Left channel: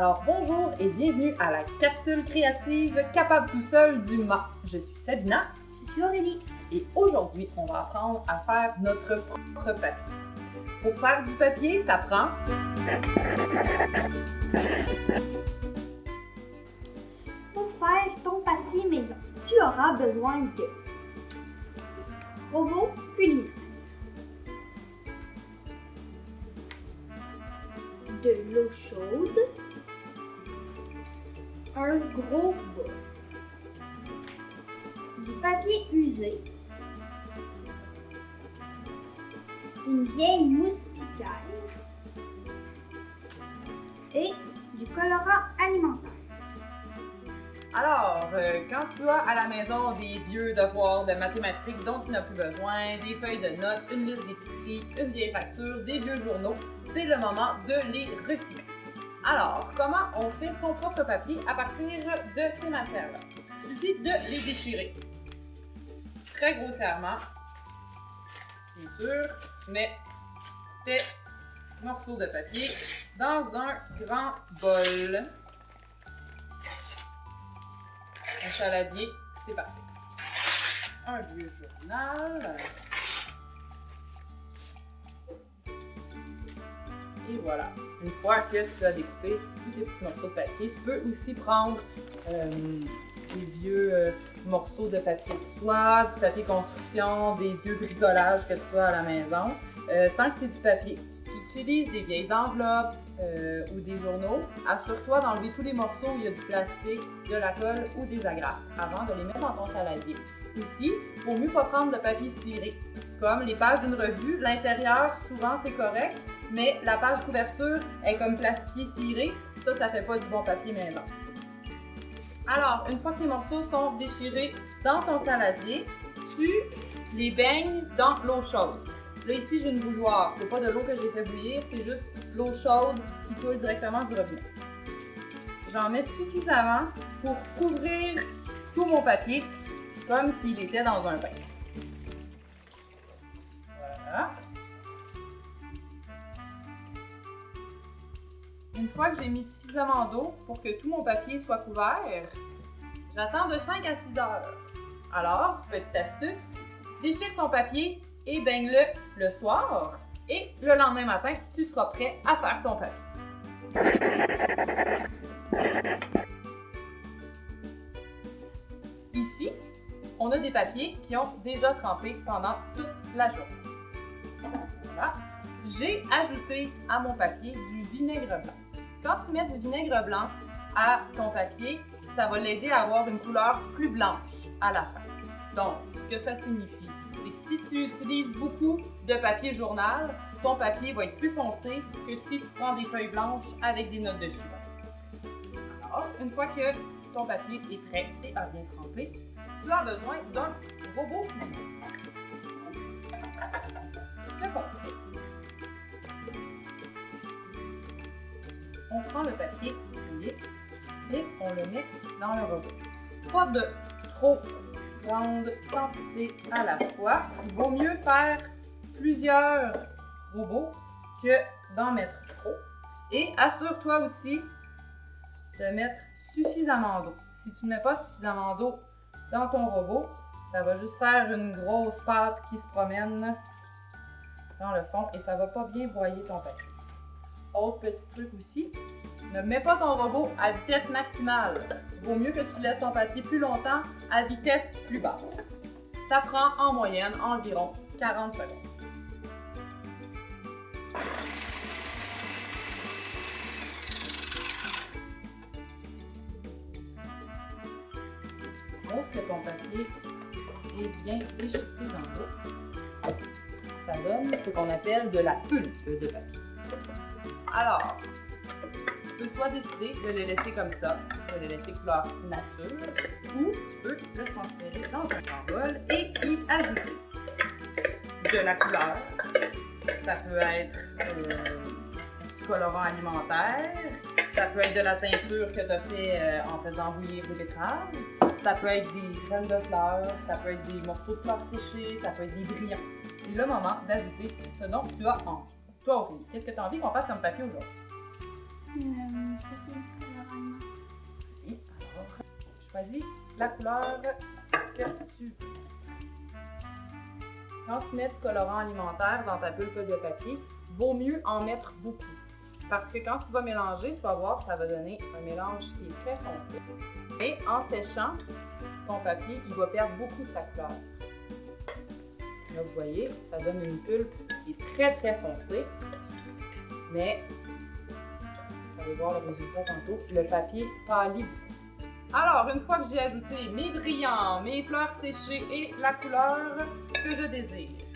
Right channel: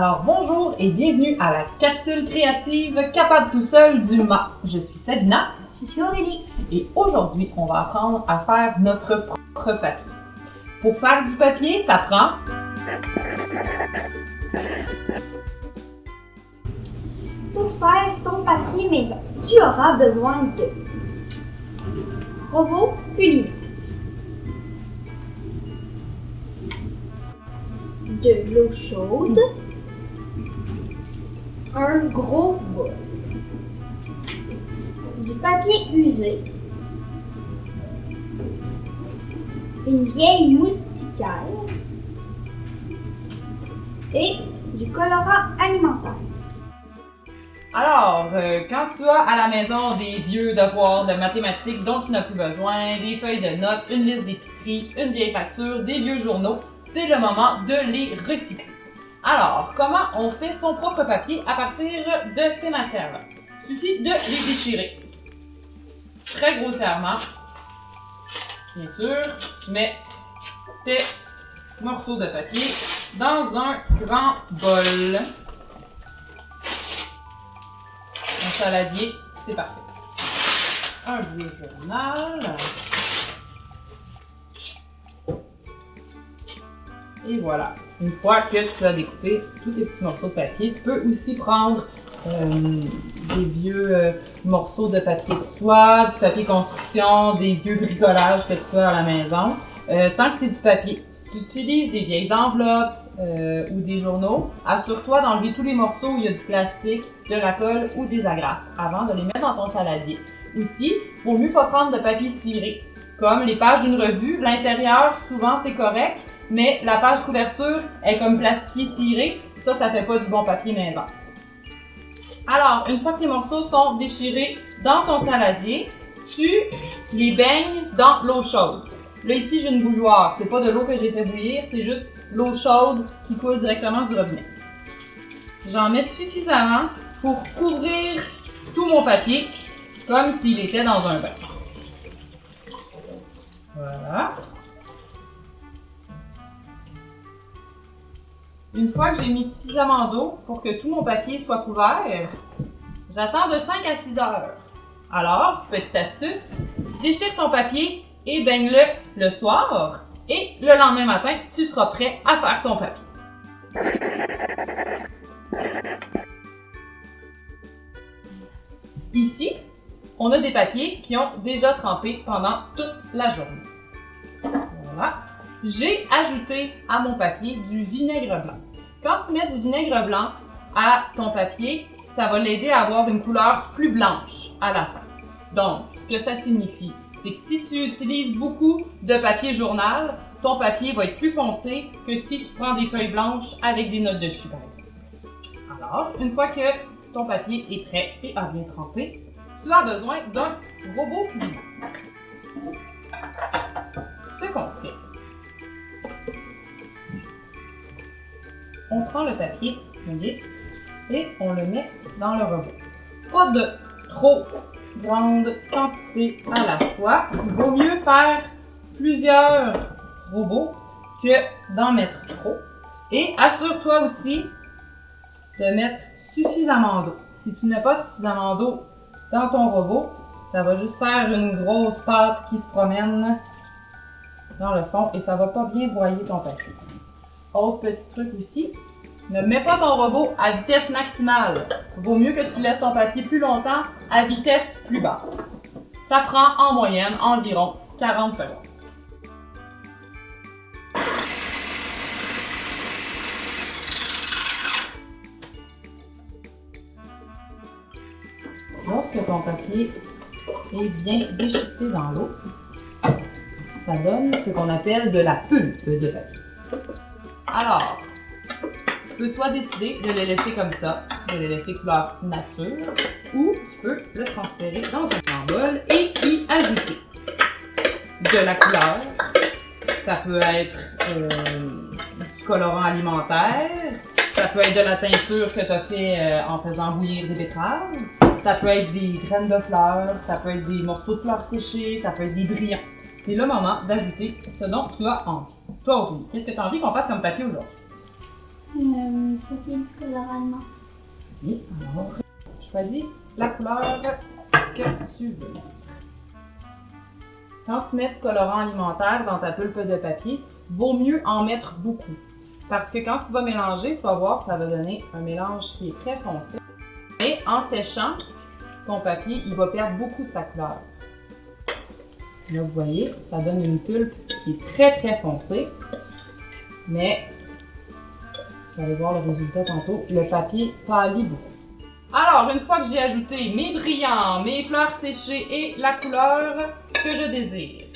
Alors bonjour et bienvenue à la capsule créative Capable tout seul du MA. Je suis Sabina. Je suis Aurélie. Et aujourd'hui, on va apprendre à faire notre propre papier. Pour faire du papier, ça prend Pour faire ton papier maison, tu auras besoin de robot culinaire, de l'eau chaude, un gros bol, du papier usé, une vieille moustiquaire et du colorant alimentaire. Alors, quand tu as à la maison des vieux devoirs de mathématiques dont tu n'as plus besoin, des feuilles de notes, une liste d'épicerie, une vieille facture, des vieux journaux, c'est le moment de les recycler. Alors, comment on fait son propre papier à partir de ces matières-là? Il suffit de les déchirer. Très grossièrement, bien sûr, tu mets tes morceaux de papier dans un grand bol. Un saladier, c'est parfait. Un vieux journal. Et voilà. Une fois que tu as découpé tous tes petits morceaux de papier, tu peux aussi prendre des vieux morceaux de papier de soie, du papier construction, des vieux bricolages que tu as à la maison. Tant que c'est du papier, si tu utilises des vieilles enveloppes ou des journaux, assure-toi d'enlever tous les morceaux où il y a du plastique, de la colle ou des agrafes avant de les mettre dans ton saladier. Aussi, il vaut mieux pas prendre de papier ciré. Comme les pages d'une revue, l'intérieur, souvent c'est correct, mais la page couverture est comme plastifié ciré, ça fait pas du bon papier maison. Alors, une fois que les morceaux sont déchirés dans ton saladier, tu les baignes dans l'eau chaude. Là ici, j'ai une bouilloire, c'est pas de l'eau que j'ai fait bouillir, c'est juste l'eau chaude qui coule directement du robinet. J'en mets suffisamment pour couvrir tout mon papier comme s'il était dans un bain. Voilà. Une fois que j'ai mis suffisamment d'eau pour que tout mon papier soit couvert, j'attends de 5 à 6 heures. Alors, petite astuce, déchire ton papier et baigne-le le soir et le lendemain matin, tu seras prêt à faire ton papier. Ici, on a des papiers qui ont déjà trempé pendant toute la journée. Voilà. J'ai ajouté à mon papier du vinaigre blanc. Quand tu mets du vinaigre blanc à ton papier, ça va l'aider à avoir une couleur plus blanche à la fin. Donc, ce que ça signifie, c'est que si tu utilises beaucoup de papier journal, ton papier va être plus foncé que si tu prends des feuilles blanches avec des notes dessus, par exemple. Alors, une fois que ton papier est prêt et a bien trempé, tu as besoin d'un robot culinaire. Ce qu'on fait, on prend le papier et on le met dans le robot. Pas de trop grande quantité à la fois. Il vaut mieux faire plusieurs robots que d'en mettre trop. Et assure-toi aussi de mettre suffisamment d'eau. Si tu ne mets pas suffisamment d'eau dans ton robot, ça va juste faire une grosse pâte qui se promène dans le fond et ça va pas bien broyer ton papier. Autre petit truc aussi, ne mets pas ton robot à vitesse maximale. Vaut mieux que tu laisses ton papier plus longtemps à vitesse plus basse. Ça prend en moyenne environ 40 secondes. Lorsque ton papier est bien déchiqueté dans l'eau, ça donne ce qu'on appelle de la pulpe de papier. Alors, tu peux soit décider de le laisser comme ça, de le laisser couleur nature, ou tu peux le transférer dans un grand bol et y ajouter de la couleur. Ça peut être du colorant alimentaire, ça peut être de la teinture que tu as fait en faisant bouillir des betteraves, ça peut être des graines de fleurs, ça peut être des morceaux de fleurs séchées, ça peut être des brillants. C'est le moment d'ajouter ce dont tu as envie. Toi, Aurélie, qu'est-ce que tu as envie qu'on fasse comme papier aujourd'hui? Papier du colorant alimentaire. Oui, alors, choisis la couleur que tu veux. Quand tu mets du colorant alimentaire dans ta pulpe de papier, vaut mieux en mettre beaucoup. Parce que quand tu vas mélanger, tu vas voir, ça va donner un mélange qui est très foncé. Et en séchant, ton papier, il va perdre beaucoup de sa couleur. Là, vous voyez, ça donne une pulpe qui est très foncée. Mais, vous allez voir le résultat tantôt, le papier pâlit beaucoup. Alors, une fois que j'ai ajouté mes brillants, mes fleurs séchées et la couleur que je désire,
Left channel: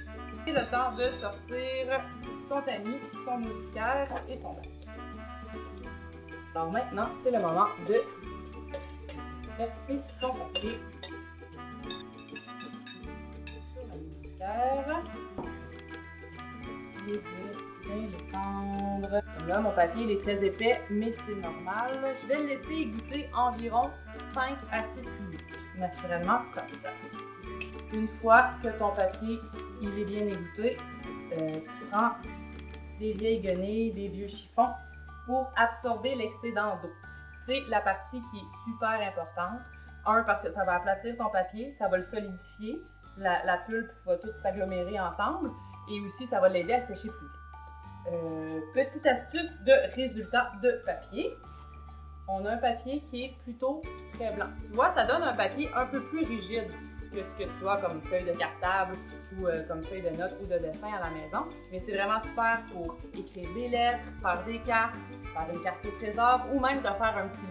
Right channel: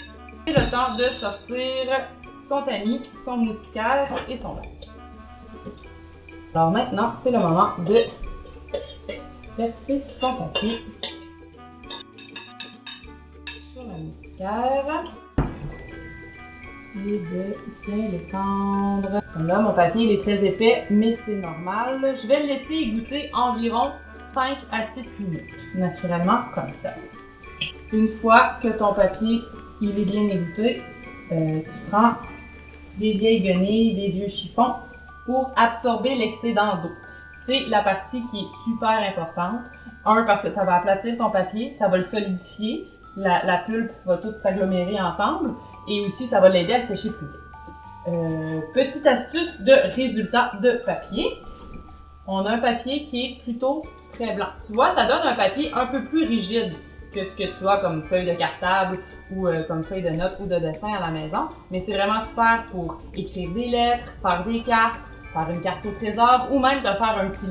c'est le temps de sortir son tamis, son moustiquaire et son bac. Alors maintenant, c'est le moment de verser son papier sur la moustiquaire et de bien l'étendre. Là, mon papier il est très épais, mais c'est normal. Je vais le laisser égoutter environ 5 à 6 minutes, naturellement comme ça. Une fois que ton papier il est bien égoutté, tu prends des vieilles guenilles, des vieux chiffons pour absorber l'excédent d'eau. C'est la partie qui est super importante. Parce que ça va aplatir ton papier, ça va le solidifier, la pulpe va tout s'agglomérer ensemble et aussi ça va l'aider à sécher plus vite. Petite astuce de résultat de papier. On a un papier qui est plutôt très blanc. Tu vois, ça donne un papier un peu plus rigide que ce que tu as comme feuille de cartable ou comme feuille de notes ou de dessin à la maison. Mais c'est vraiment super pour écrire des lettres, faire des cartes, faire une carte au trésor ou même te faire un petit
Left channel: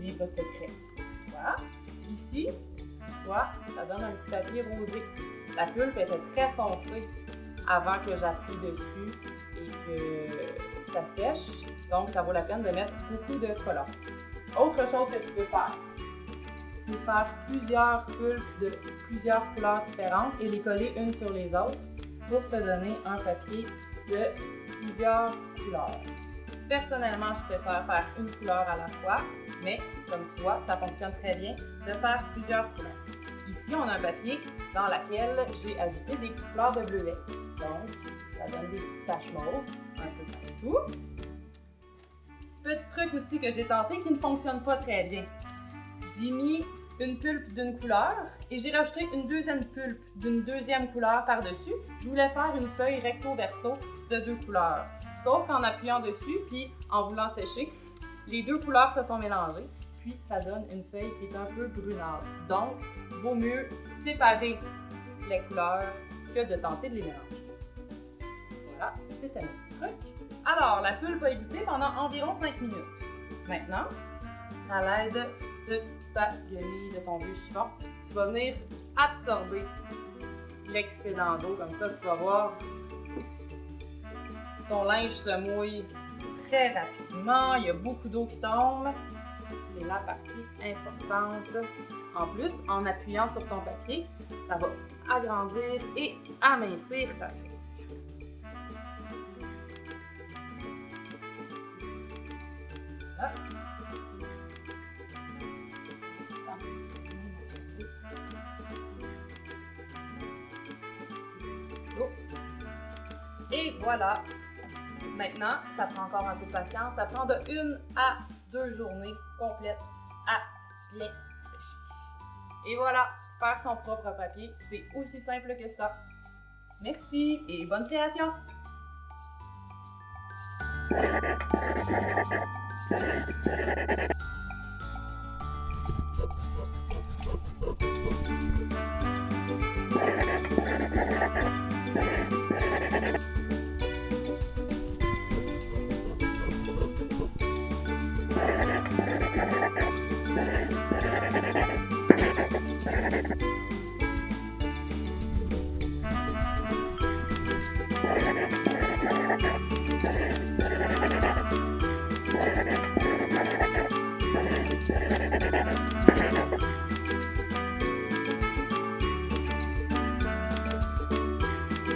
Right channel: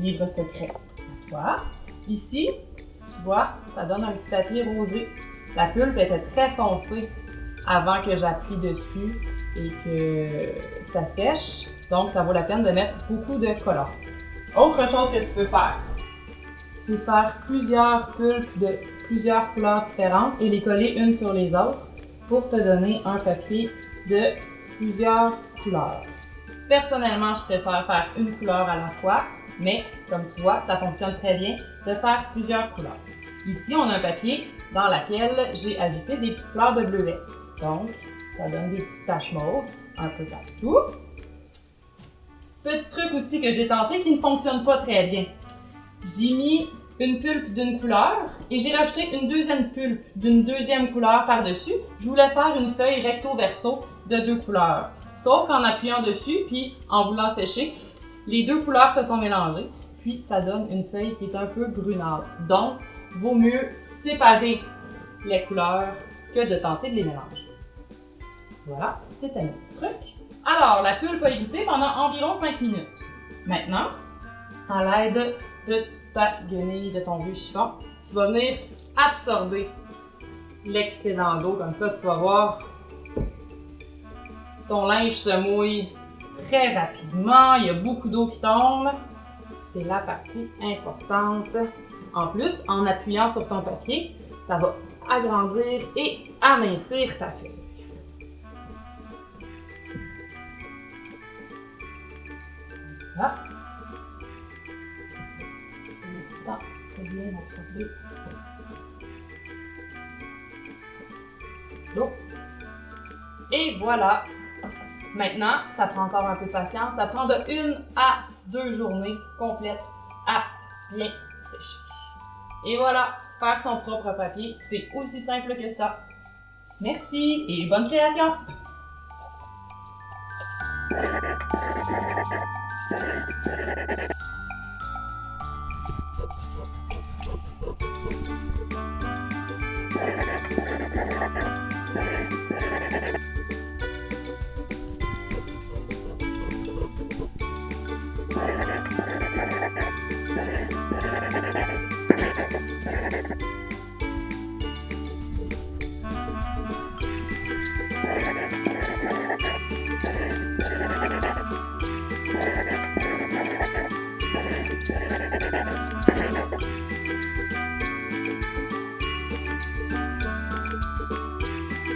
livre secret. Tu vois, ici, tu vois, ça donne un petit papier rosé. La pulpe était très foncée avant que j'appuie dessus et que ça sèche. Donc, ça vaut la peine de mettre beaucoup de colorant. Autre chose que tu peux faire, c'est faire plusieurs pulpes de plusieurs couleurs différentes et les coller une sur les autres pour te donner un papier de plusieurs couleurs. Personnellement, je préfère faire une couleur à la fois, mais comme tu vois, ça fonctionne très bien de faire plusieurs couleurs. Ici, on a un papier dans lequel j'ai ajouté des petites fleurs de bleuet. Donc, ça donne des petites taches mauves un peu partout. Petit truc aussi que j'ai tenté qui ne fonctionne pas très bien. J'ai mis une pulpe d'une couleur et j'ai rajouté une deuxième pulpe d'une deuxième couleur par-dessus. Je voulais faire une feuille recto-verso de 2 couleurs. Sauf qu'en appuyant dessus puis en voulant sécher, les 2 couleurs se sont mélangées. Puis ça donne une feuille qui est un peu brunâtre. Donc, vaut mieux séparer les couleurs que de tenter de les mélanger. Voilà, c'est un petit truc. Alors, la pulpe a égoutté pendant environ 5 minutes. Maintenant, à l'aide de ta guenille de ton vieux chiffon, tu vas venir absorber l'excédent d'eau. Comme ça, tu vas voir, ton linge se mouille très rapidement. Il y a beaucoup d'eau qui tombe. C'est la partie importante. En plus, en appuyant sur ton papier, ça va agrandir et amincir ta feuille. Ça. Et voilà. Maintenant, ça prend encore un peu de patience. Ça prend de 1 à 2 journées complètes à bien sécher. Et voilà, faire son propre papier, c'est aussi simple que ça. Merci et bonne création!